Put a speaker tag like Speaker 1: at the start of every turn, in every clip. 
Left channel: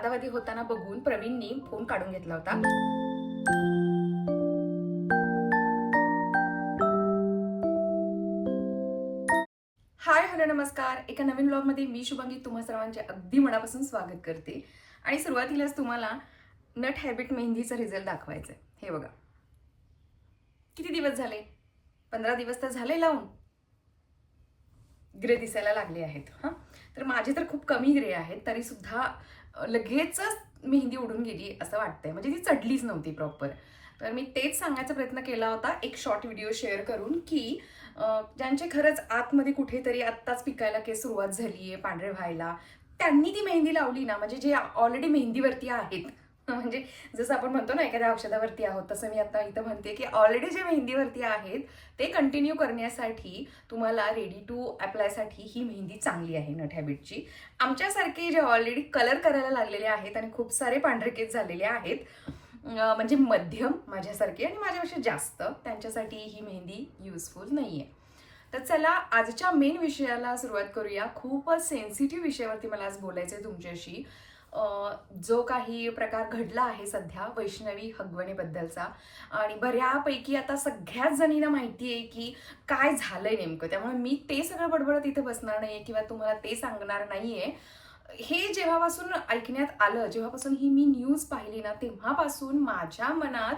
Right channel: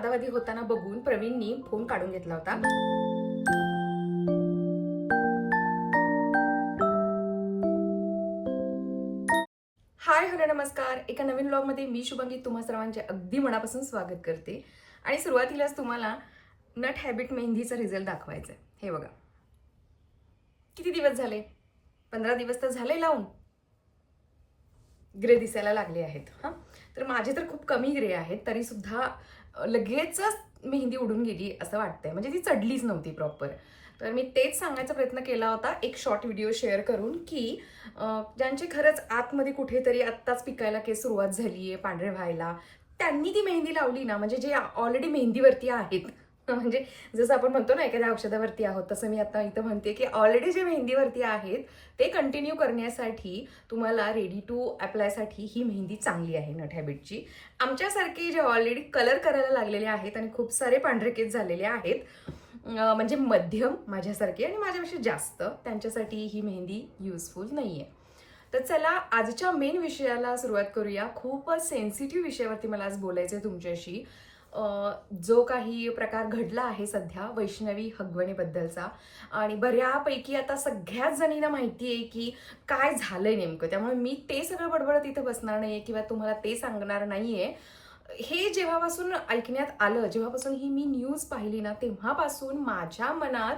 Speaker 1: वादावादी होताना बघून प्रवीणनी फोन काढून घेतला होता. हाय हॅलो नमस्कार. एका नवीन ब्लॉगमध्ये मी शुभांगी. तुम्हा सर्वांचे अगदी मनापासून स्वागत करते. आणि सुरुवातीलाच तुम्हाला नट हॅबिट मेहंदीचा रिझल्ट दाखवायचा आहे हे बघा. किती दिवस झाले? पंधरा दिवस तर झाले लावून. ग्रे दिसायला लागले आहेत हां. तर माझे तर खूप कमी ग्रे आहेत तरी सुद्धा लगेचच मेहंदी उडून गेली असं वाटतंय. म्हणजे ती चढलीच नव्हती प्रॉपर तर मी तेच सांगायचा प्रयत्न केला होता. एक शॉर्ट व्हिडिओ शेअर करून की ज्यांचे खरंच आतमध्ये कुठेतरी आत्ताच पिकायला केस सुरुवात झाली आहे पांढरे व्हायला त्यांनी ती मेहंदी लावली ना. म्हणजे जे ऑलरेडी मेहंदीवरती आहेत म्हणजे जसं आपण म्हणतो ना एखाद्या औषधावरती आहोत तसं मी आता इथं म्हणते की ऑलरेडी जे मेहंदीवरती आहेत ते कंटिन्यू करण्यासाठी तुम्हाला रेडी टू अप्लायसाठी ही मेहंदी चांगली आहे नट हॅबिटची आमच्यासारखे जे ऑलरेडी कलर करायला लागलेले आहेत आणि खूप सारे पांढरे केस झालेले आहेत म्हणजे मध्यम माझ्यासारखे आणि माझ्यापेक्षा जास्त त्यांच्यासाठी ही मेहंदी युजफुल नाही आहे तर चला आजच्या मेन विषयाला सुरुवात करूया. खूपच सेन्सिटिव्ह विषयावरती मला आज बोलायचं आहे तुमच्याशी. जो काही प्रकार घडला आहे सध्या वैष्णवी हगवणेबद्दलचा आणि बऱ्यापैकी आता सगळ्याच जणींना माहिती आहे की काय झालंय नेमकं. त्यामुळे मी ते सगळं बडबडत इथे बसणार नाहीये किंवा तुम्हाला ते सांगणार नाहीये. हे जेव्हापासून ऐकण्यात आलं जेव्हापासून ही मी न्यूज पाहिली ना तेव्हापासून माझ्या मनात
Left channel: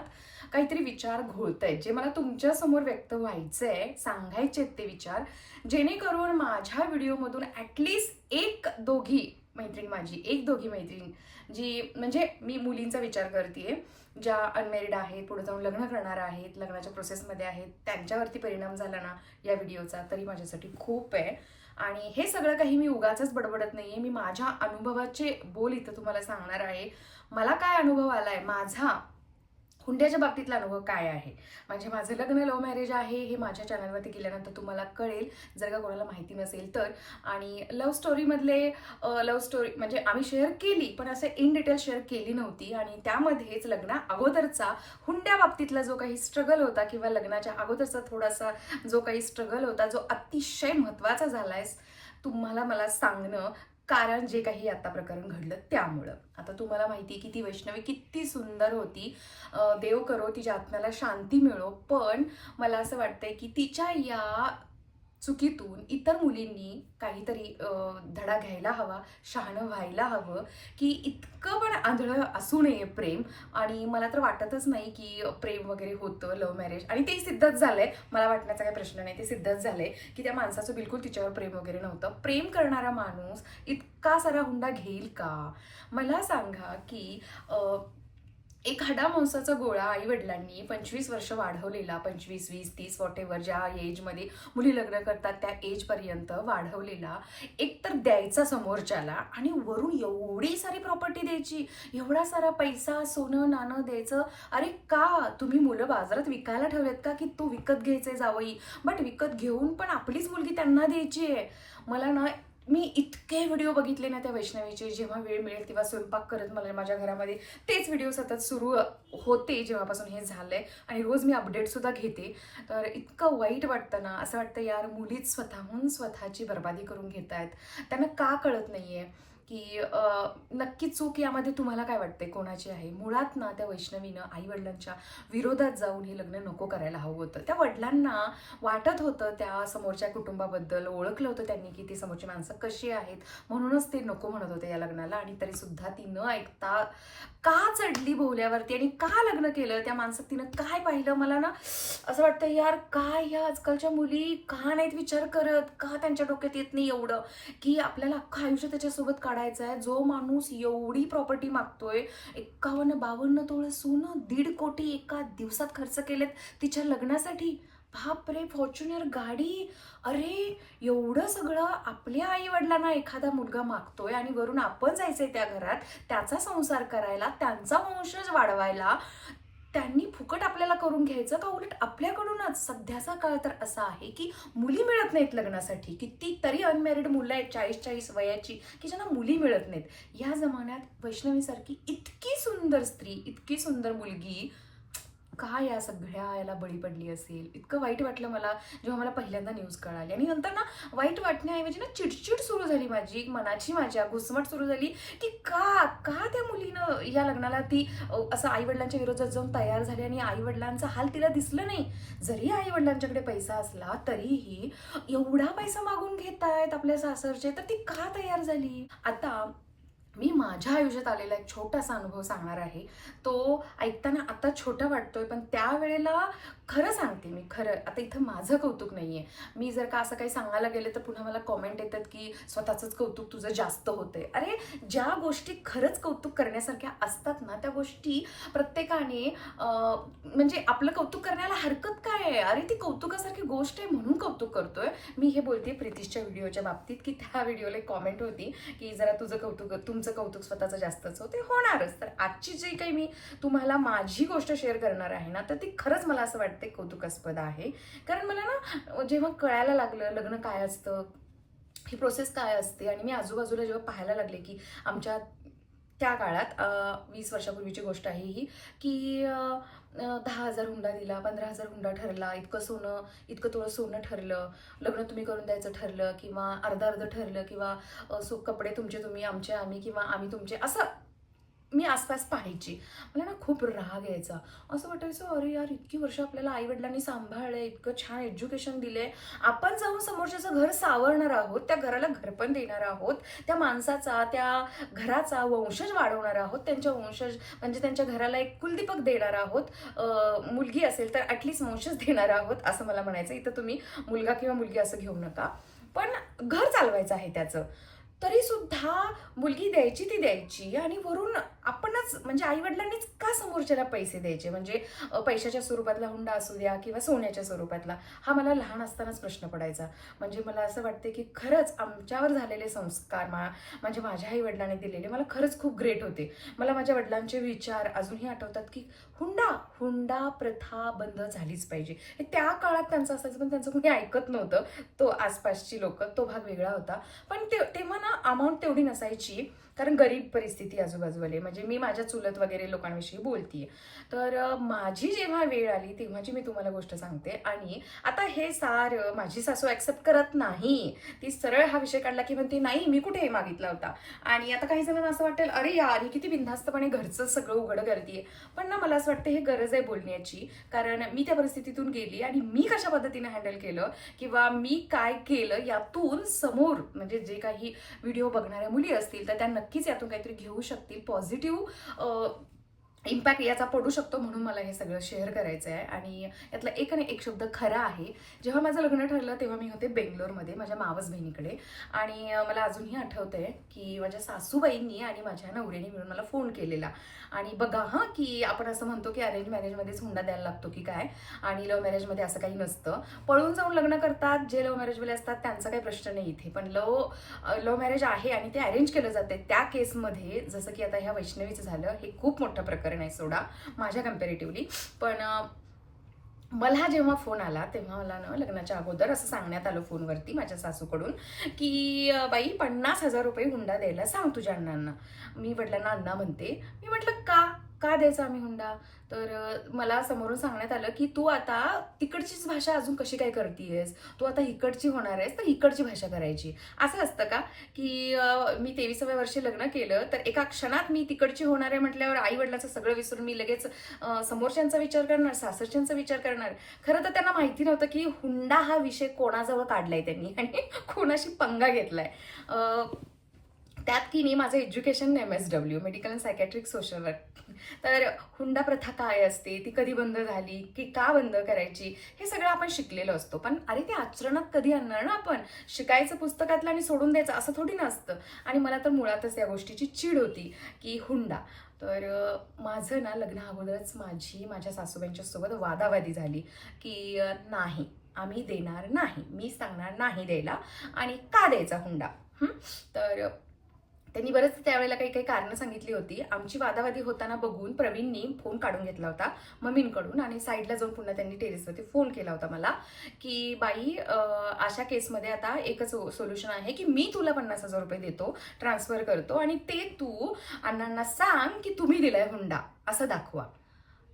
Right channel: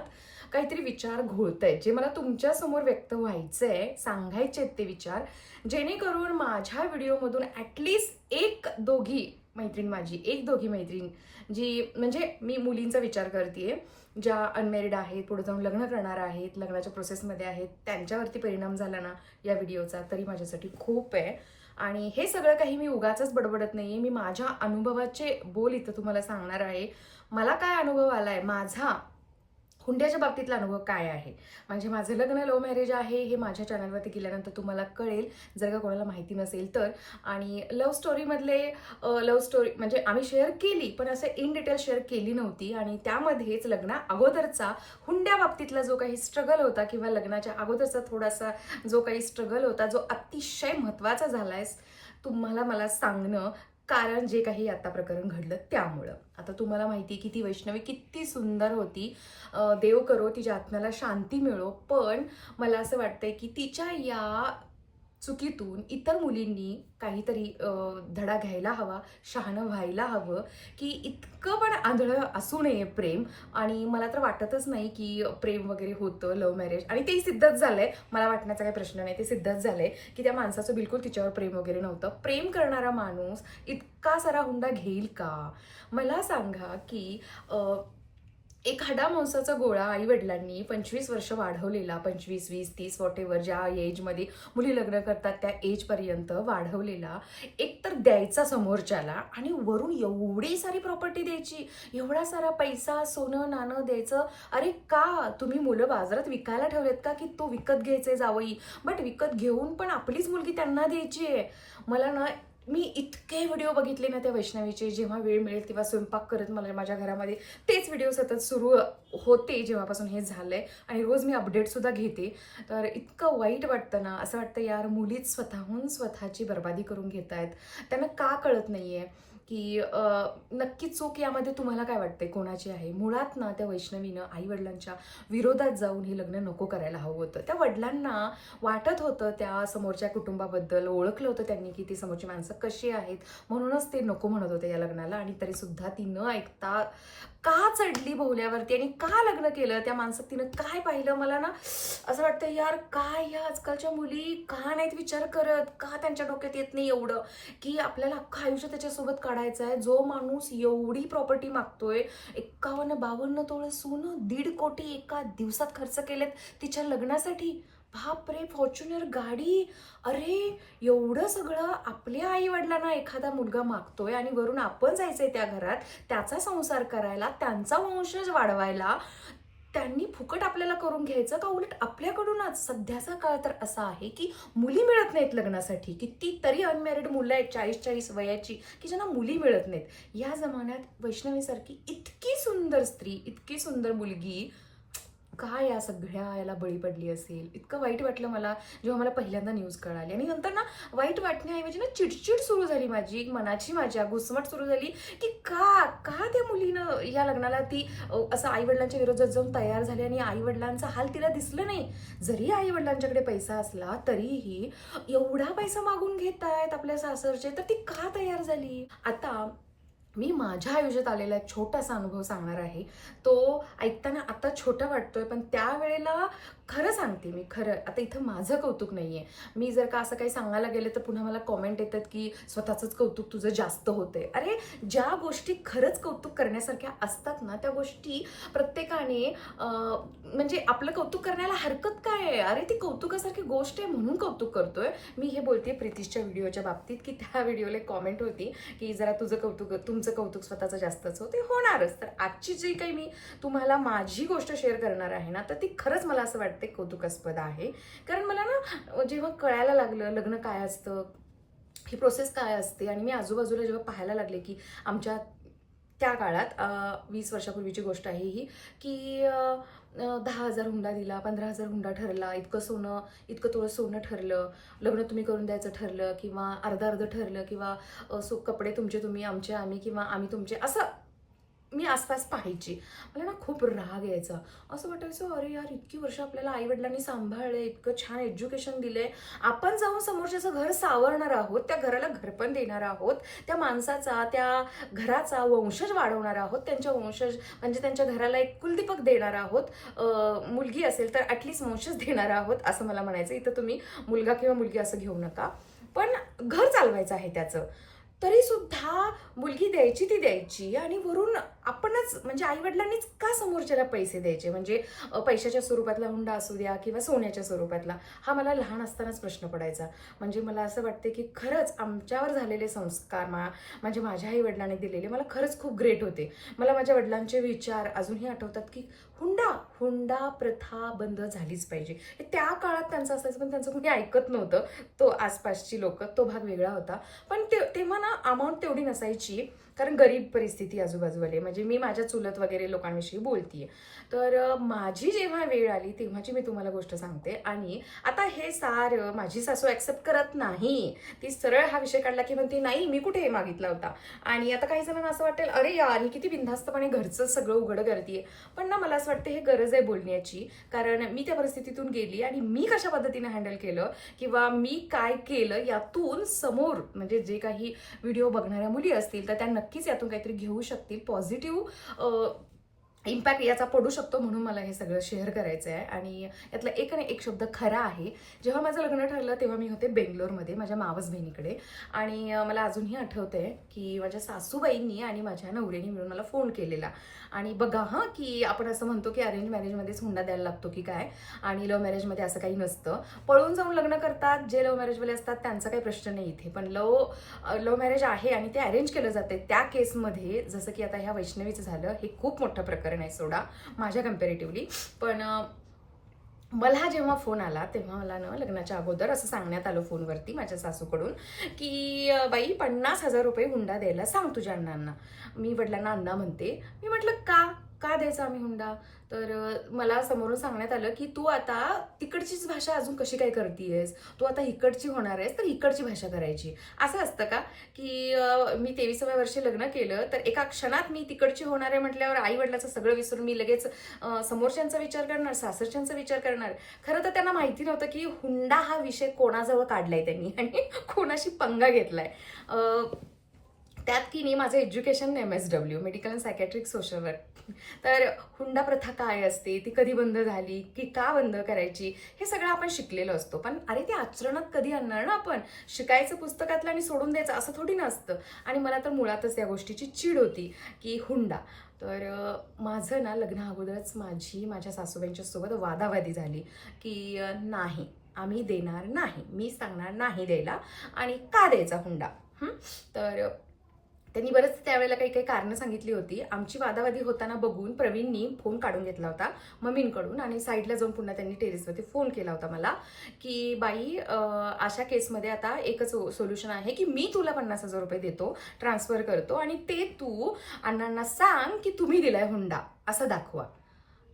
Speaker 1: काहीतरी विचार घोळत आहेत जे मला तुमच्यासमोर व्यक्त व्हायचं आहे सांगायचे आहेत ते विचार जेणेकरून माझ्या व्हिडिओमधून ॲटलिस्ट एक दोघी मैत्रीण माझी एक दोघी मैत्रीण जी म्हणजे मी मुलींचा विचार करते ज्या अनमॅरिड आहेत पुढे जाऊन लग्न करणार आहेत लग्नाच्या प्रोसेसमध्ये आहेत त्यांच्यावरती परिणाम झाला ना या व्हिडिओचा तरी माझ्यासाठी खूप आहे. आणि हे सगळं काही मी उगाच बडबडत नाही आहे मी माझ्या अनुभवाचे बोल इथं तुम्हाला सांगणार आहे. मला काय अनुभव आला आहे माझा हुंड्याच्या बाबतीतला अनुभव काय आहे? म्हणजे माझं लग्न लव्ह मॅरेज आहे हे माझ्या चॅनलवरती गेल्यानंतर तुम्हाला कळेल. जर का कोणाला माहिती नसेल तर. आणि लव्ह स्टोरीमधले लव्ह स्टोरी म्हणजे आम्ही शेअर केली पण असं इन डिटेल शेअर केली नव्हती. आणि त्यामध्येच लग्ना अगोदरचा हुंड्या बाबतीतला जो काही स्ट्रगल होता किंवा लग्नाच्या अगोदरचा थोडासा जो काही स्ट्रगल होता जो अतिशय महत्त्वाचा झाला आहे तुम्हाला मला सांगणं कारण जे काही आता प्रकरण घडलं त्यामुळं. आता तुम्हाला माहिती आहे की ती वैष्णवी किती सुंदर होती. देव करो तिच्या आत्म्याला शांती मिळो पण मला असं वाटतंय की तिच्या या चुकीतून इतर मुलींनी काहीतरी धडा घ्यायला हवा शहाणं व्हायला हवं की इतकं आंधळं असू नये प्रेम. आणि मला तर वाटतच नाही की प्रेम वगैरे होतं लव्ह मॅरेज आणि ते सिद्धच झालंय. मला वाटण्याचा काही प्रश्न नाही. ते सिद्धच झालंय की त्या माणसाचं बिलकुल तिच्यावर प्रेम वगैरे नव्हतं. प्रेम करणारा माणूस इतका सारा हुंडा घेईल का? मला सांगा की एखादा एक हाडा मांसाचा गोळा आई वडिलांनी पंचवीस वर्ष वाढवलेला पंचवीस वीस तीस वॉट एव्हर ज्या एजमध्ये मुली लग्न करतात त्या एजपर्यंत वाढवलेला एक तर द्यायचा समोरच्याला आणि वरून एवढी सारी प्रॉपर्टी द्यायची एवढा सारा पैसा सोनं नाणं द्यायचं. अरे का? तुम्ही मुलं बाजारात विकायला ठेवलेत का की तो विकत घ्यायचंय जावई? बट विकत घेऊन पण आपलीच मुलगी त्यांना द्यायची आहे मला ना मी इतके व्हिडिओ बघितले ना त्या वैष्णवीचे जेव्हा वेळ मिळेल तेव्हा स्वयंपाक करत मला माझ्या घरामध्ये. तेच व्हिडिओ सतत सुरू होते जेव्हापासून हे झालंय. आणि रोज मी अपडेटसुद्धा घेते. तर इतकं वाईट वाटतं ना असं वाटतं यार मुलीच स्वतःहून स्वतःची बर्बादी करून घेत आहेत त्यांना का कळत नाही आहे की नक्की चूक यामध्ये तुम्हाला काय वाटते कोणाची आहे? मुळात ना त्या वैष्णवीनं आई वडिलांच्या विरोधात जाऊन हे लग्न नको करायला हवं होतं. त्या वडिलांना वाटत होतं त्या समोरच्या कुटुंबाबद्दल ओळखलं होतं त्यांनी की ती समोरची माणसं कशी आहेत? म्हणूनच ते नको म्हणत होते या लग्नाला आणि तरी सुद्धा ती न ऐकता का चढली बोहल्यावरती आणि का लग्न केलं? त्या माणसात तिनं काय पाहिलं? मला ना असं वाटतं यार काय या आजकालच्या मुली का नाहीत विचार करत? का त्यांच्या डोक्यात येत नाही एवढं? की आपल्याला अख्खं आयुष्य त्याच्यासोबत काढायचा आहे. जो माणूस एवढी प्रॉपर्टी मागतोय एक्कावन्न बावन्न तोळे सोनं दीड कोटी एका दिवसात खर्च केलेत तिच्या लग्नासाठी. बापरे फॉर्च्युनर गाडी. अरे एवढं सगळं आपल्या आई वडिलांना एखादा मुलगा मागतोय आणि वरून आपण जायचंय त्या घरात त्याचा संसार करायला त्यांचा वंशज वाढवायला त्यांनी फुकट आपल्याला करून घ्यायचं का उलट आपल्याकडूनच? सध्याचा काळ तर असा आहे की मुली मिळत नाहीत लग्नासाठी. कितीतरी अनमॅरिड मुलं आहेत चाळीस चाळीस वयाची की ज्यांना मुली मिळत नाहीत. या जमान्यात वैष्णवीसारखी इतकी सुंदर स्त्री इतकी सुंदर मुलगी का या सगळ्या याला बळी पडली असेल? इतकं वाईट वाटलं मला जेव्हा मला पहिल्यांदा न्यूज कळाली. आणि नंतर ना वाईट वाटण्याऐवजी ना चिडचिड सुरू झाली माझी एक मनाची माझ्या घुसमट सुरू झाली की का का त्या मुलीनं या लग्नाला ती असं आई वडिलांच्या विरोधात जाऊन तयार झाली आणि आई वडिलांचा हाल तिला दिसलं नाही? जरी आई वडिलांच्याकडे पैसा असला तरीही एवढा पैसा मागून घेत आहेत आपल्या सासरचे तर ती का तयार झाली? आता मी माझ्या आयुष्यात आलेला एक छोटासा अनुभव सांगणार आहे. तो ऐकताना आता छोटा वाटतोय पण त्यावेळेला खरं सांगते मी खरं. आता इथं माझं कौतुक नाही आहे मी जर का असं काही सांगायला गेले तर पुन्हा मला कॉमेंट येतात की स्वतःचंच कौतुक तुझं जास्त होतंय. अरे ज्या गोष्टी खरंच कौतुक करण्यासारख्या असतात ना त्या गोष्टी प्रत्येकाने म्हणजे आपलं कौतुक करण्याला हरकत काय आहे? अरे ती कौतुकासारखी गोष्ट आहे म्हणून कौतुक करतोय. मी हे बोलते प्रितीशच्या व्हिडिओच्या बाबतीत की त्या व्हिडिओला एक कॉमेंट होती की जरा तुझं कौतुक तुमचं कौतुक स्वतःचं जास्तच हो ते होणारच. तर आजची जी काही मी तुम्हाला माझी गोष्ट शेअर करणार आहे ना तर ती खरंच मला असं वाटते कौतुकास्पद आहे. कारण मला ना जेव्हा कळायला लागलं लग्न काय असतं ही प्रोसेस काय असते आणि मी आजूबाजूला जेव्हा पाहायला लागले की आमच्या त्या काळात वीस वर्षापूर्वीची गोष्ट आहे ही की दहा हजार हुंडा दिला पंधरा हजार हुंडा ठरला इतकं सोनं इतकं थोडं सोनं ठरलं लग्न तुम्ही करून द्यायचं ठरलं किंवा अर्धा अर्ध ठरलं किंवा सो कपडे तुमचे तुम्ही आमचे आम्ही किंवा आम्ही तुमचे असं मी आसपास पाहायची. मला ना खूप राग यायचा. असं वाटायचं अरे यार इतकी वर्ष आपल्याला आईवडिलांनी सांभाळले इतकं छान एज्युकेशन दिले आपण जाऊन समोरच्याचं घर सावरणार आहोत त्या घराला घरपण देणार आहोत त्या माणसाचा त्या घराचा वंशज वाढवणार आहोत त्यांच्या वंशज म्हणजे त्यांच्या घराला एक कुलदीपक देणार आहोत. मुलगी असेल तर ॲटलिस्ट वंशज देणार आहोत असं मला म्हणायचं. इथं तुम्ही मुलगा किंवा मुलगी असं घेऊ नका. पण घर चालवायचं आहे त्याचं. तरी सुद्धा मुलगी द्यायची ती द्यायची आणि वरून आपणच म्हणजे आईवडिलांनीच का समोरच्याला पैसे द्यायचे? म्हणजे पैशाच्या स्वरूपातला हुंडा असू द्या किंवा सोन्याच्या स्वरूपातला हा मला लहान असतानाच प्रश्न पडायचा. म्हणजे मला असं वाटते की खरंच आमच्यावर झालेले संस्कार मा म्हणजे माझ्या आईवडिलांनी दिलेले मला खरंच खूप ग्रेट होते. मला माझ्या वडिलांचे विचार अजूनही आठवतात की हुंडा हुंडा प्रथा बंद झालीच पाहिजे. हे त्या काळात त्यांचं असायचं पण त्यांचं कोणी ऐकत नव्हतं. तो आसपासची लोक तो भाग वेगळा होता. पण ते तेव्हा ना अमाऊंट तेवढी नसायची कारण गरीब परिस्थिती आजूबाजूवाले. म्हणजे म्हणजे मी माझ्या चुलत वगैरे लोकांविषयी बोलतीये. तर माझी जेव्हा वेळ आली तेव्हाची मी तुम्हाला गोष्ट सांगते. आणि आता हे सार माझी सासू ॲक्सेप्ट करत नाही. ती सरळ हा विषय काढला की म्हणते नाही मी कुठे मागितला होता? आणि आता काही जणांना असं वाटेल अरे यार ही किती बिनधास्तपणे घरचं सगळं उघड करते पण ना मला असं वाटतं हे गरज आहे बोलण्याची. कारण मी त्या परिस्थितीतून गेली आणि मी कशा पद्धतीने हँडल केलं किंवा मी काय केलं यातून समोर म्हणजे जे काही व्हिडिओ बघणाऱ्या मुली असतील तर त्या नक्कीच यातून काहीतरी घेऊ शकतील पॉझिटिव्ह positive uh, इम्पॅक्ट याचा पडू शकतो म्हणून मला हे सगळं शेअर करायचं आहे आणि यातला एक आणि एक शब्द खरा आहे. जेव्हा माझं लग्न ठरलं तेव्हा मी होते बेंगलोरमध्ये माझ्या मावस बहिणीकडे. आणि मला अजूनही आठवतंय की माझ्या सासूबाईंनी आणि माझ्या नवऱ्याने मिळून मला फोन केलेला. आणि बघा हां की आपण असं म्हणतो की अरेंज मॅरेजमध्येच हुंडा द्यायला लागतो की काय? आणि लव्ह मॅरेजमध्ये असं काही नसतं. पळून जाऊन लग्न करतात. जे लव्ह मॅरेजवाले असतात त्यांचा काही प्रश्न नाही इथे. पण लव लव्ह मॅरेज आहे आणि ते अरेंज केलं जाते त्या केसमध्ये जसं की आता ह्या वैष्णवीचं झालं हे खूप मोठं प्रकरण नाही सोडा माझ्या कम्पॅरेटिव्हली पण मला जेव्हा फोन आला तेव्हा मला ना लग्नाच्या अगोदर असं सांगण्यात आलं फोनवरती माझ्या सासूकडून की बाई पन्नास हजार रुपये हुंडा द्यायला सांग तुझ्या अण्णांना. मी वडिलांना अण्णा म्हणते मी म्हटलं का? का द्यायचा आम्ही हुंडा? तर मला समोरून सांगण्यात आलं की तू आता तिकडचीच भाषा अजून कशी काय करतीयस? तू आता इकडची होणार आहेस तर इकडची भाषा करायची. असं असतं का? की मी तेविसाव्या वर्षी लग्न केलं तर एका क्षणात मी तिकडची होणार आहे म्हटल्यावर आई वडिलाचं सगळं विसरून मी लगेच समोरच्यांचा विचार करणार सासरच्यांचा विचार करणार. खरं तर त्यांना माहिती नव्हतं की हुंडा हा विषय कोणाजवळ काढलाय त्यांनी आणि कोणाशी पंगा घेतलाय. त्यात की नाही माझं education M S W medical and psychiatric social work तर हुंडा प्रथा काय असते? ती कधी बंद झाली? की का बंद करायची? हे सगळं आपण शिकलेलो असतो. पण अरे ते आचरणात कधी आणणार ना आपण? शिकायचं पुस्तकातलं आणि सोडून द्यायचं असं थोडी नसतं. आणि मला तर मुळातच या गोष्टीची चीड होती की हुंडा. तर माझं ना लग्न अगोदरच माझी माझ्या सासूबाईंच्या सोबत वादावादी झाली की नाही आम्ही देणार नाही. मी सांगणार नाही द्यायला. आणि का द्यायचा हुंडा? तर त्यांनी बरंच त्यावेळेला काही काही कारणं सांगितली होती. आमची वादावादी होताना बघून प्रवीणनी फोन काढून घेतला होता मम्मींकडून. आणि साईडला जाऊन पुन्हा त्यांनी टेरेसवरती फोन केला होता मला की बाई अशा केसमध्ये आता एकच सोल्युशन आहे की मी तुला पन्नास हजार रुपये देतो ट्रान्सफर करतो आणि ते तू अण्णांना सांग की तुम्ही दिलाय हुंडा असं दाखवा.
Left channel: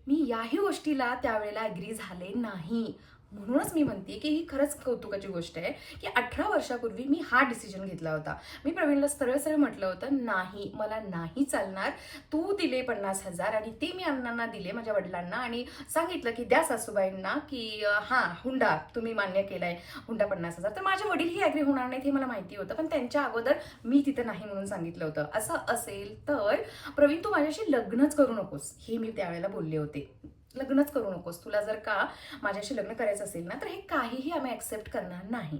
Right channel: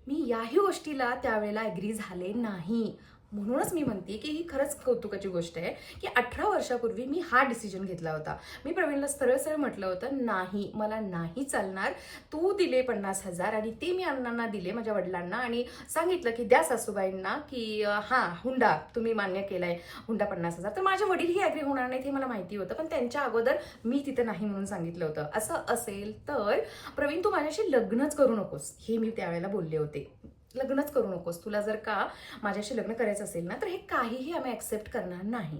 Speaker 1: मी याही गोष्टीला त्यावेळेला ॲग्री झाले नाही. म्हणूनच मी म्हणते की ही खरंच कौतुकाची गोष्ट आहे की अठरा वर्षापूर्वी मी हा डिसिजन घेतला होता. मी प्रवीणला सरळ सरळ म्हटलं होतं नाही मला नाही चालणार. तू दिले पन्नास हजार आणि ते मी अण्णांना दिले माझ्या वडिलांना. आणि सांगितलं की द्या सासूबाईंना की हां हुंडा तुम्ही मान्य केलाय. हुंडा पन्नास हजार. तर माझे वडील ही ॲग्री होणार नाहीत हे मला माहिती होतं पण त्यांच्या अगोदर मी तिथे नाही म्हणून सांगितलं होतं. असं असेल तर प्रवीण तू माझ्याशी लग्नच करू नकोस. हे मी त्यावेळेला बोलले होते. लग्नच करू नकोस. तुला जर का माझ्याशी लग्न करायचं असेल ना तर हे काहीही आम्ही ॲक्सेप्ट करणार नाही.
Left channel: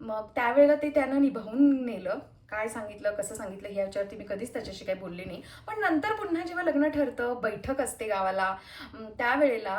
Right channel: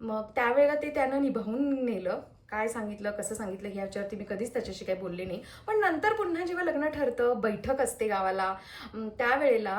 Speaker 1: मग त्यावेळेला ते त्यानं निभावून नेलं. काय सांगितलं कसं सांगितलं ह्याच्यावरती मी कधीच त्याच्याशी काही बोलले नाही. पण नंतर पुन्हा जेव्हा लग्न ठरतं बैठक असते गावाला त्यावेळेला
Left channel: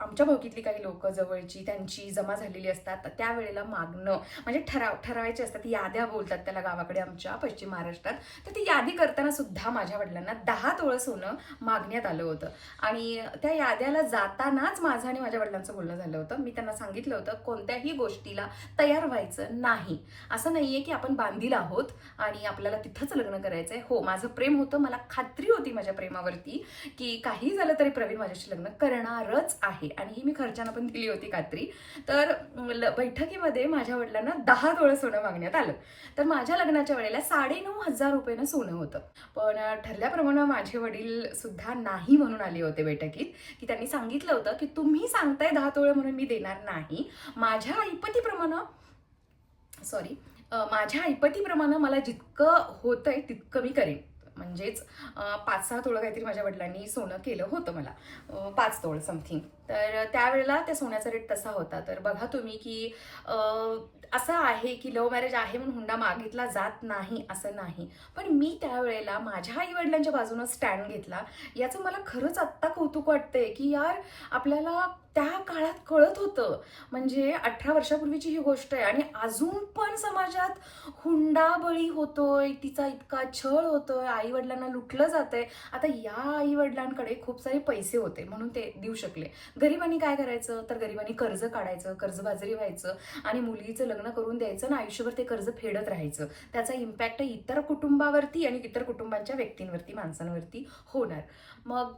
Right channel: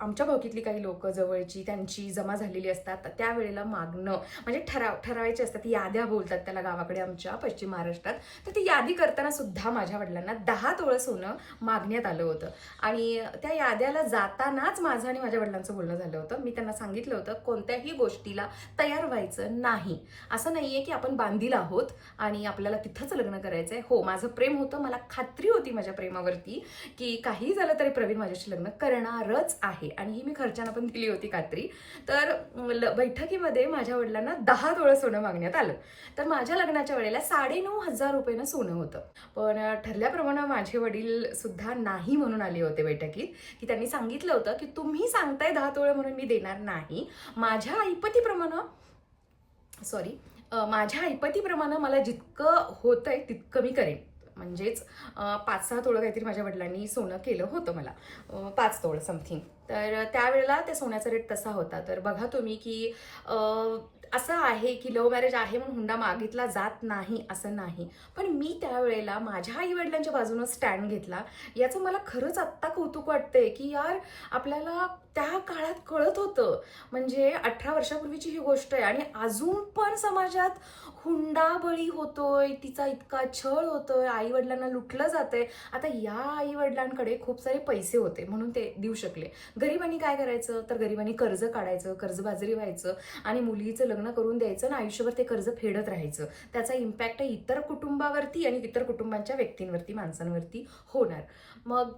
Speaker 1: आमच्या भावकीतली काही लोक जवळची त्यांची जमा झालेली असतात त्यावेळेला मागणं म्हणजे ठराव ठरवायचे असतात याद्या बोलतात त्याला गावाकडे आमच्या पश्चिम महाराष्ट्रात. तर ती यादी करताना सुद्धा माझ्या वडिलांना दहा तोळं सोनं मागण्यात आलं होतं. आणि त्या याद्याला जातानाच माझं आणि माझ्या वडिलांचं बोलणं झालं होतं. मी त्यांना सांगितलं होतं कोणत्याही गोष्टीला तयार व्हायचं नाही. असं नाहीये की आपण बांधील आहोत आणि आपल्याला तिथंच लग्न करायचं आहे हो माझं प्रेम होतं मला खात्री होती माझ्या प्रेमावरती की काही झालं तरी प्रवीण माझ्याशी लग्न करणारच आहे. आणि ही मी खर्चानं पण दिली होती खात्री. तर ल- बैठकीमध्ये माझ्या वडिलांना दहा तोळं सोनं मागण्यात आलं. तर माझ्या लग्नाच्या वेळेला साडेनऊ हजार रुपयानं सोनं होतं. पण ठरल्याप्रमाणे माझे वडील सुद्धा नाही म्हणून आले होते बैठकीत. की त्यांनी सांगितलं होतं की तुम्ही सांगताय दहा तोळं म्हणून मी देणार नाही. माझ्या ऐपतीप्रमाणे सॉरी माझ्या ऐपतीप्रमाणे मला जितकं होतंय तितकं मी करेन. म्हणजेच पाच सहा तोळं काहीतरी माझ्या वडिलांनी सोनं केलं होतं मला. पाच तोळं समथिंग तर त्यावेळेला त्या सोन्याचा रेट तसा होता. तर बघा तुम्ही की असं आहे की लव्ह मॅरेज आहे म्हणून हुंडा मागितला जात नाही असं नाही. पण मी त्यावेळेला माझ्या आईवडिलांच्या बाजूनं स्टँड घेतला. याचं मला खरंच आत्ता कौतुक वाटतंय की यार आपल्याला त्या काळात कळत होतं. म्हणजे अठरा वर्षापूर्वीची ही गोष्ट आहे आणि अजून पण समाजात हुंडा बळी होतोय तिचा इतका छळ होतोय आई वडिलांना लुटलं जातंय. आता या आई वडिलांकडे खूप सारे पैसे होते म्हणून ते देऊ शकले. गरिबांनी काय करायचं? तर गरिबांनी कर्ज काढायचं कर्जबाजारी व्हायचं आणि मुलीचं लग्न करून द्यायचं आणि आयुष्यभर ते कर्ज फेडत राहायचं. त्याचा इम्पॅक्ट इतर कुटुंबावरती आणि इतर कुटुंबांच्या व्यक्तींवरती माणसांवरती होणार. मग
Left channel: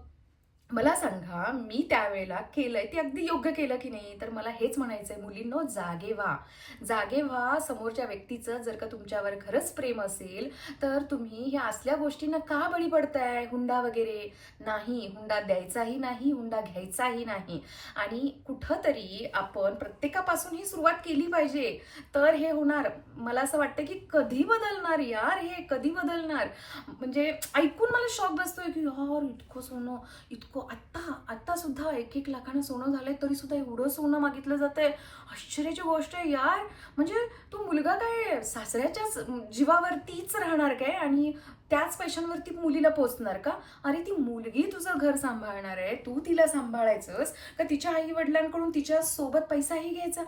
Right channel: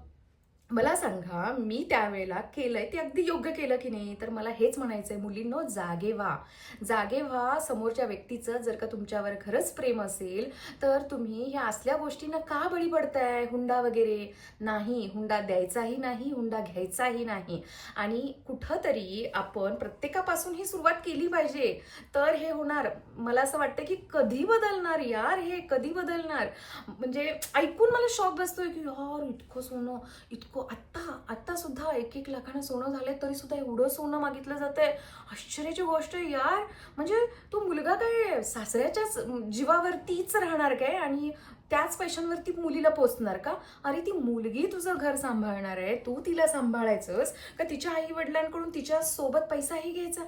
Speaker 1: मला सांगा मी त्यावेळेला केलंय ते अगदी योग्य केलं की नाही? तर मला हेच म्हणायचंय मुलींनो जागे व्हा. जागे व्हा समोरच्या व्यक्तीचं जर का तुमच्यावर खरंच प्रेम असेल तर तुम्ही ह्या असल्या गोष्टींना का बळी पडताय? हुंडा वगैरे? नाही. हुंडा द्यायचाही नाही हुंडा घ्यायचाही नाही. आणि कुठंतरी आपण प्रत्येकापासून ही सुरुवात केली पाहिजे. तर हे होणार. मला असं वाटतं की कधी बदलणार यार हे? कधी बदलणार? म्हणजे ऐकून मला शॉक बसतोय की यार इतकं सोनं इतकं आत्ता आत्ता सुद्धा एक एक लाखानं सोनं झालंय तरी सुद्धा एवढं सोनं मागितलं जातंय. आश्चर्याची गोष्ट आहे यार. म्हणजे तो मुलगा काय सासऱ्याच्याच जीवावरतीच राहणार काय? आणि त्याच पैशांवरती मुलीला पोचणार का? अरे ती मुलगी तुझं घर सांभाळणार आहे. तू तिला सांभाळायचंस. का तिच्या आई वडिलांकडून तिच्या सोबत पैसाही घ्यायचा?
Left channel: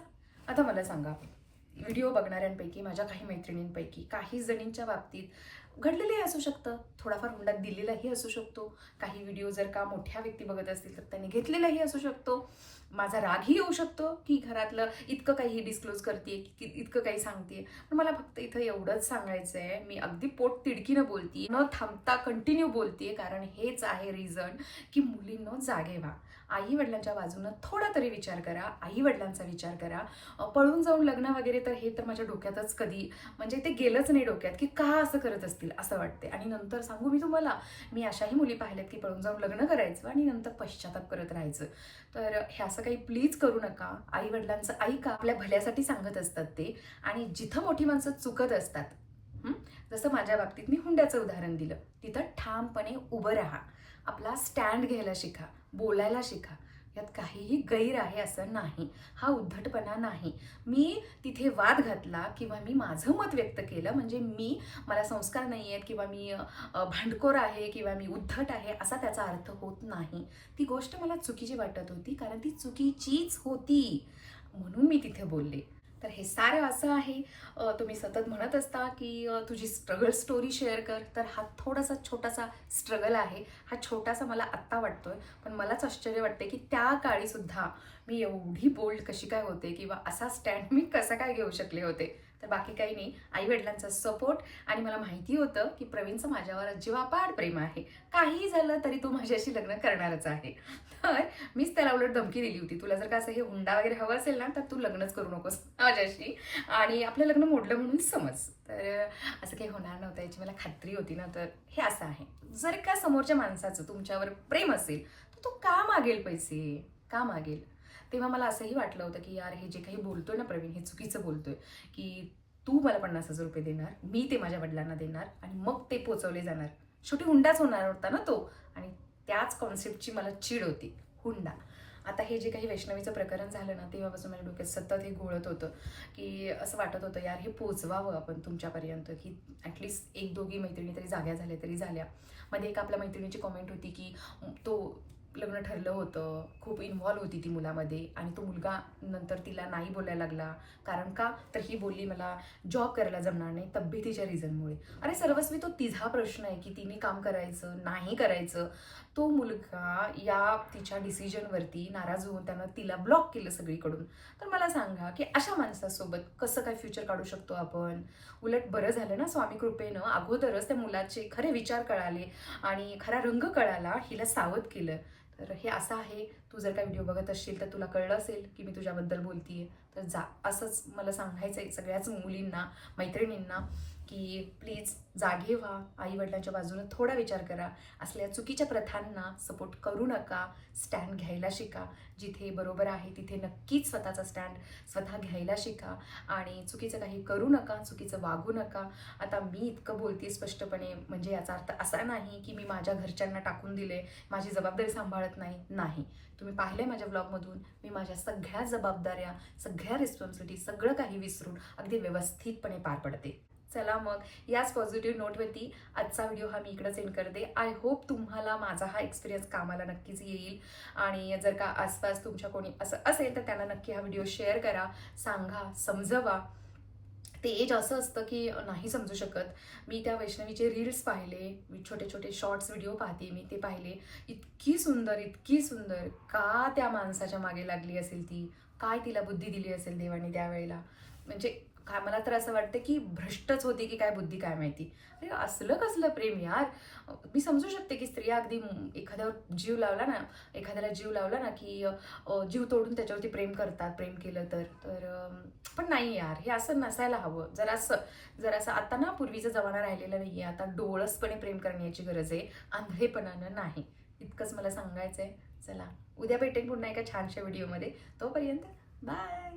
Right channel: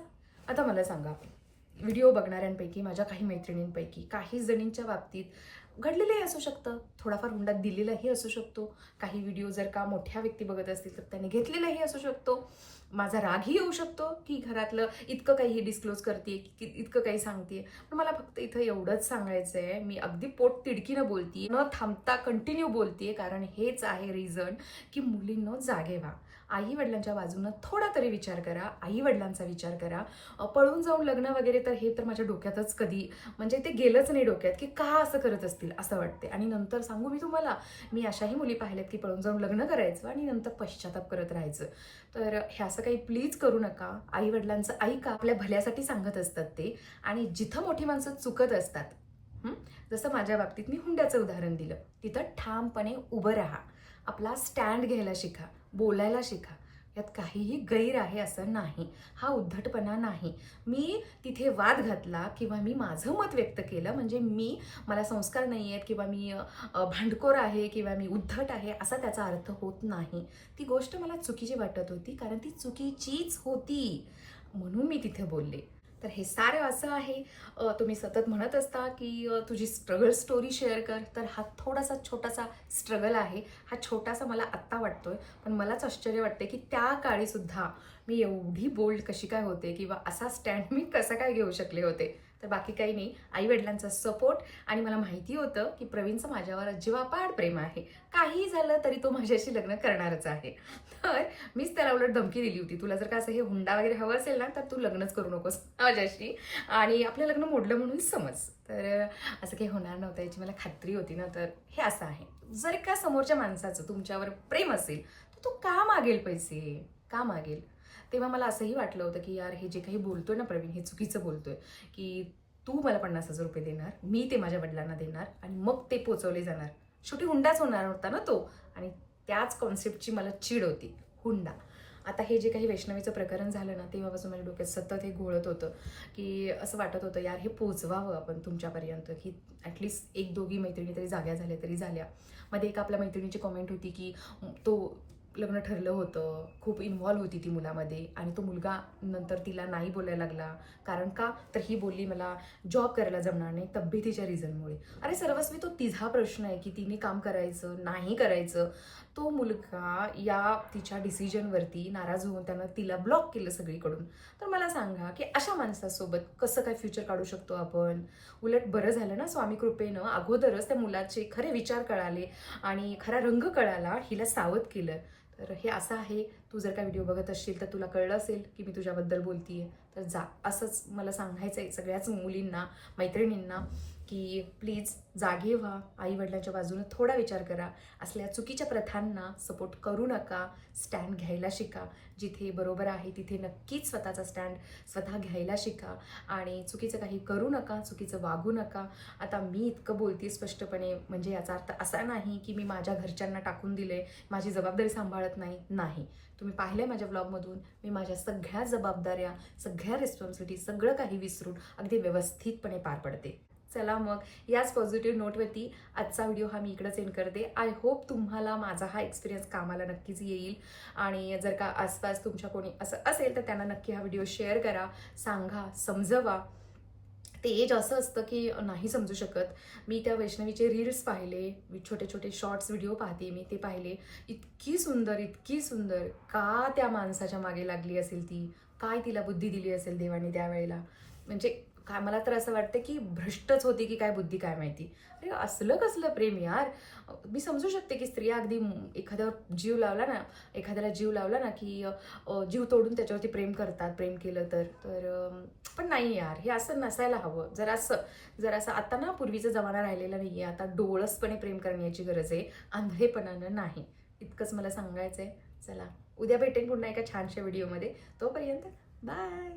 Speaker 1: आता मला सांगा. व्हिडिओ बघणाऱ्यांपैकी माझ्या काही मैत्रिणींपैकी काही जणींच्या बाबतीत घडलेलंही असू शकतं. थोडाफार हुंडा दिलेलाही असू शकतो. काही व्हिडिओ जर का मोठ्या व्यक्ती बघत असतील तर त्यांनी घेतलेलाही असू शकतो. माझा रागही येऊ शकतो की घरातलं इतकं काही डिस्क्लोज करते की इतकं काही सांगते पण मला फक्त इथं एवढंच सांगायचं आहे मी अगदी पोट तिडकीनं बोलते न थांबता कंटिन्यू बोलते कारण हेच आहे रिझन की मुलींना जागे व्हा. आई वडिलांच्या बाजूनं थोडा तरी विचार करा आई वडिलांचा विचार करा. पळून जाऊन लग्न वगैरे तर हे तर माझ्या डोक्यातच कधी म्हणजे ते गेलंच नाही डोक्यात की का असं करत असतील असं वाटते आणि नंतर सांगू मी तुम्हाला मी अशाही मुली पाहिल्यात की पळून जाऊन लग्न करायचं आणि नंतर पश्चाताप करत राहायचं. तर हे असं काही प्लीज करू नका. आई वडिलांचं ऐका आपल्या भल्यासाठी सांगत असतात ते. आणि जिथं मोठी माणसं चुकत असतात जसं माझ्या बाबतीत मी हुंड्याचं उदाहरण दिलं. तिथं ठामपणे उभं राहा. आपला स्टँड घ्यायला शिका बोलायला शिका. यात काहीही गैर आहे असं नाही. हा उद्धटपणा नाही. मी तिथे वाद घातला किंवा मी माझं मत व्यक्त केलं म्हणजे मी मला संस्कार नाही आहेत किंवा मी भांडखोर आहे किंवा मी उद्धट आहे असा त्याचा अर्थ होत नाही. ती गोष्ट मला चुकीची वाटत होती कारण ती चुकीचीच होती. म्हणून मी तिथे बोलले. तर हे सारं असं आहे. तुम्ही सतत म्हणत असता की तुझी स्ट्रगल स्टोरी शेअर कर. तर हा थोडासा छोटासा स्ट्रगल आहे. हा छोटासा मला आत्ता वाटतोय. पण मलाच आश्चर्य वाटते की त्या काळी सुद्धा मी एवढी बोल्ड कशी काय होते? किंवा असा स्टँड मी कसा काय घेऊ शकले होते? तर बाकी काही नाही. आई वडिलांचा सपोर्ट आणि मला माहिती होतं की प्रवीणचं माझ्यावर अजिबापाड प्रेम आहे. काहीही झालं तरी तो माझ्याशी लग्न करणारच आहे. तर मीच त्याला उलट धमकी दिली होती. तुला जर का असं हे हुंडा वगैरे हवं असेल ना तर तू लग्नच करू नकोस माझ्याशी. आणि आपलं लग्न मोडलं म्हणून समज. तर असं काही होणार नव्हतं. याची मला खात्री होती ना तर हे असं आहे. जर का समोरच्या माणसाचं तुमच्यावर प्रेम असेल तर तो का मागेल पैसे? का मागेल? तेव्हा मला असंही वाटलं होतं की यार हे जे काही बोलतोय ना प्रवीण हे चुकीचं बोलतोय की तू मला पन्नास हजार रुपये देणार मी ते माझ्या वडिलांना देणार आणि मग ते पोचवले जाणार. शेवटी हुंडाच होणार होता ना तो आणि त्याच कॉन्सेप्टची मला चीड होती हुंडा. आता हे जे काही वैष्णवीचं प्रकरण झालं ना तेव्हापासून माझ्या डोक्यात सतत हे घोळत होतं की असं वाटत होतं यार हे पोचवावं आपण तुमच्यापर्यंत की ॲटलिस्ट एक दोघी मैत्रिणी तरी जाग्या झाल्या तरी झाल्या. मध्ये एक आपल्या मैत्रिणीची कॉमेंट होती की तो लग्न ठरलं होतं. खूप इन्व्हॉल्व होती ती मुलामध्ये. आणि तो मुलगा नंतर तिला नाही बोलायला लागला. कारण का? तर ही बोलली मला जॉब करायला जमणार नाही तब्येतीच्या रिझनमुळे अरे सर्वस्वी तो तिझा प्रश्न आहे की तिने काम करायचं नाही करायचं. तो मुलगा या तिच्या डिसिजनवरती नाराज होऊन त्यानं तिला ब्लॉक केलं सगळीकडून. तर मला सांगा की अशा माणसासोबत कसं काय फ्युचर काढू शकतो आपण? उलट बरं झालं ना स्वामी कृपेनं? अगोदरच त्या मुलाचे खरे विचार कळाले आणि खरा रंग कळाला हिला सावध केलं. तर हे असं आहे. तू जर का व्हिडिओ बघत असशील तर तुला कळलं असेल की मी तुझ्याबद्दल बोलतीये. तर जा. असंच मला सांगायचं आहे सगळ्याच मुलींना मैत्रिणींना. की प्लीज जागे व्हा आई वडिलांच्या बाजूने थोडा विचार करा. असल्या चुकीच्या प्रथांना सपोर्ट करू नका स्टँड घ्यायला शिका. जिथे बरोबर आहे तिथे नक्कीच स्वतःचा स्टँड स्वतः घ्यायला शिका. आणि चुकीचं काही करू नका चुकीचं वागू नका. आता मी इतकं बोलते स्पष्टपणे म्हणजे याचा अर्थ असा नाही की मी माझ्या घरच्यांना टाकून दिले माझी जबाबदारी सांभाळत नाही नाही. तुम्ही पाहिले माझ्या ब्लॉगमधून मी माझ्या सगळ्या जबाबदाऱ्या सगळ्या रिस्पॉन्सिबिलिटी सगळं काही विसरून अगदी व्यवस्थितपणे पार पडते. चला मग याच पॉझिटिव्ह नोटवरती आजचा व्हिडिओ हा मी इकडंच एंड करते. आय होप तुम्हाला माझा हा एक्सपिरियन्स कामाला नक्कीच येईल. आणि जर का आसपास तुमच्या कोणी असं असेल तर त्यांना नक्की हा व्हिडिओ शेअर करा सांगा समजवा. ते एज असं असतं की नाही समजू शकत. मी त्या वैष्णवीचे रील्स पाहिले छोटे छोटे शॉर्ट्स व्हिडिओ पाहते मी ते पाहिले. इतकी सुंदर इतकी सुंदर. का त्या माणसाच्या मागे लागली असेल ती? काय तिला बुद्धी दिली असेल देवाने त्यावेळेला? म्हणजे काय मला तर असं वाटतं की भ्रष्टच होती की काय बुद्धी काय माहिती. अरे असलं कसलं प्रेम यार. मी समजू शकते की स्त्रिया अगदी एखाद्यावर जीव लावला ना एखाद्याला जीव लावला ना की जीव तोडून त्याच्यावरती प्रेम करतात प्रेम केलं तर. तर पण नाही यार हे असं नसायला हवं. जरा असं जरा असं आता ना पूर्वीचा जमाना राहिलेला नाही आहे आता डोळसपणे प्रेम करण्याची गरज आहे आंधळेपणानं नाही. इतकंच मला सांगायचं आहे चला उद्या भेटेन पुन्हा एका छानशा व्हिडिओमध्ये. तोपर्यंत बाय!